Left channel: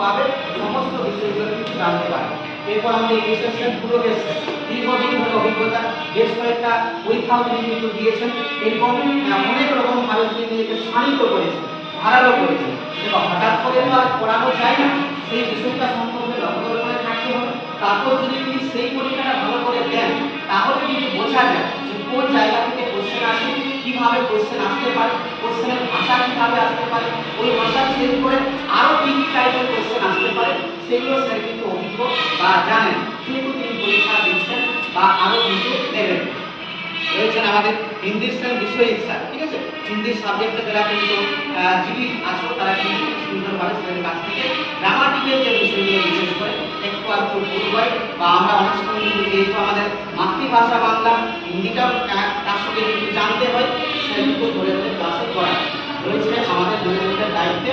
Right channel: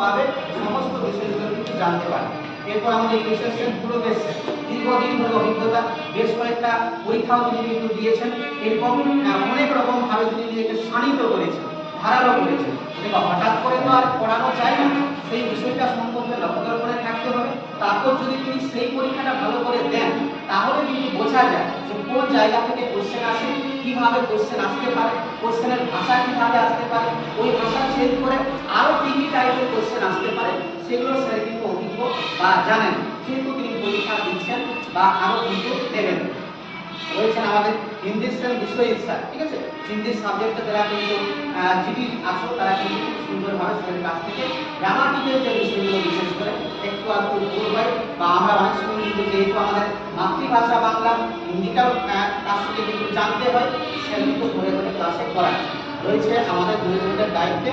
পাবে, সমস্ত বিষয়গুলো কিন্তু জানতে পারে। এরপর আমাদের এসএসএন পুরো বেশ দীর্ঘদিন ধরে অভিজ্ঞতা, বেশ কয়েকটা পরীক্ষাও তিনি কিন্তু দিয়েছেন। এরপর অনেক রকম ভাবে তিনি নিজেকে শানিত করেছেন, ধারালো করেছেন। এবং হঠাৎ করে তো আর পড়ানো যায় না, সেই বিষয়টা সম্পর্কে নজর করে থাকতে হবে। তারপর যদি তিনি সেই পরীক্ষাটা ভালো করে দেন, তাহলে কিন্তু বোঝা যায় যে কোন জায়গা থেকে কোশ্চেন আসে, কিভাবে কোশ্চেন আসতে পারে, কোশ্চেনের ভাষা কিভাবে আসতে পারে, ওই ভাষা চেঞ্জ করে আরো কি কি টাইপের কোশ্চেন আসতে পারে, সেগুলো স্যার কিন্তু অভিজ্ঞ বা জানেন, যেহেতু তিনি পরীক্ষা দিচ্ছেন বা আরো কিন্তু দেবেন। রয়েছেন আমাদের হিন্দি বিষয় ইচ্ছা, ঠিক আছে, হিন্দি সাবজেক্টে যারা কিন্তু জিডি আসো, তারা কিন্তু সুন্দরভাবে স্যারের কাছ থেকে গ্রামাটিক্যাল যে বিষয়গুলো বিশেষ করে একটু আর একটু ভুল হয় বা আমরা অনেক সময় কিন্তু যেহেতু আমাদের মাতৃভাষা বাংলা, হিন্দিটাও তার সঙ্গে কিন্তু জানতে হয়, সে কিন্তু ধরে ধরে ক্লাসে করায়। রয়েছে আমাদের দৈনন্দিন দায়িত্বে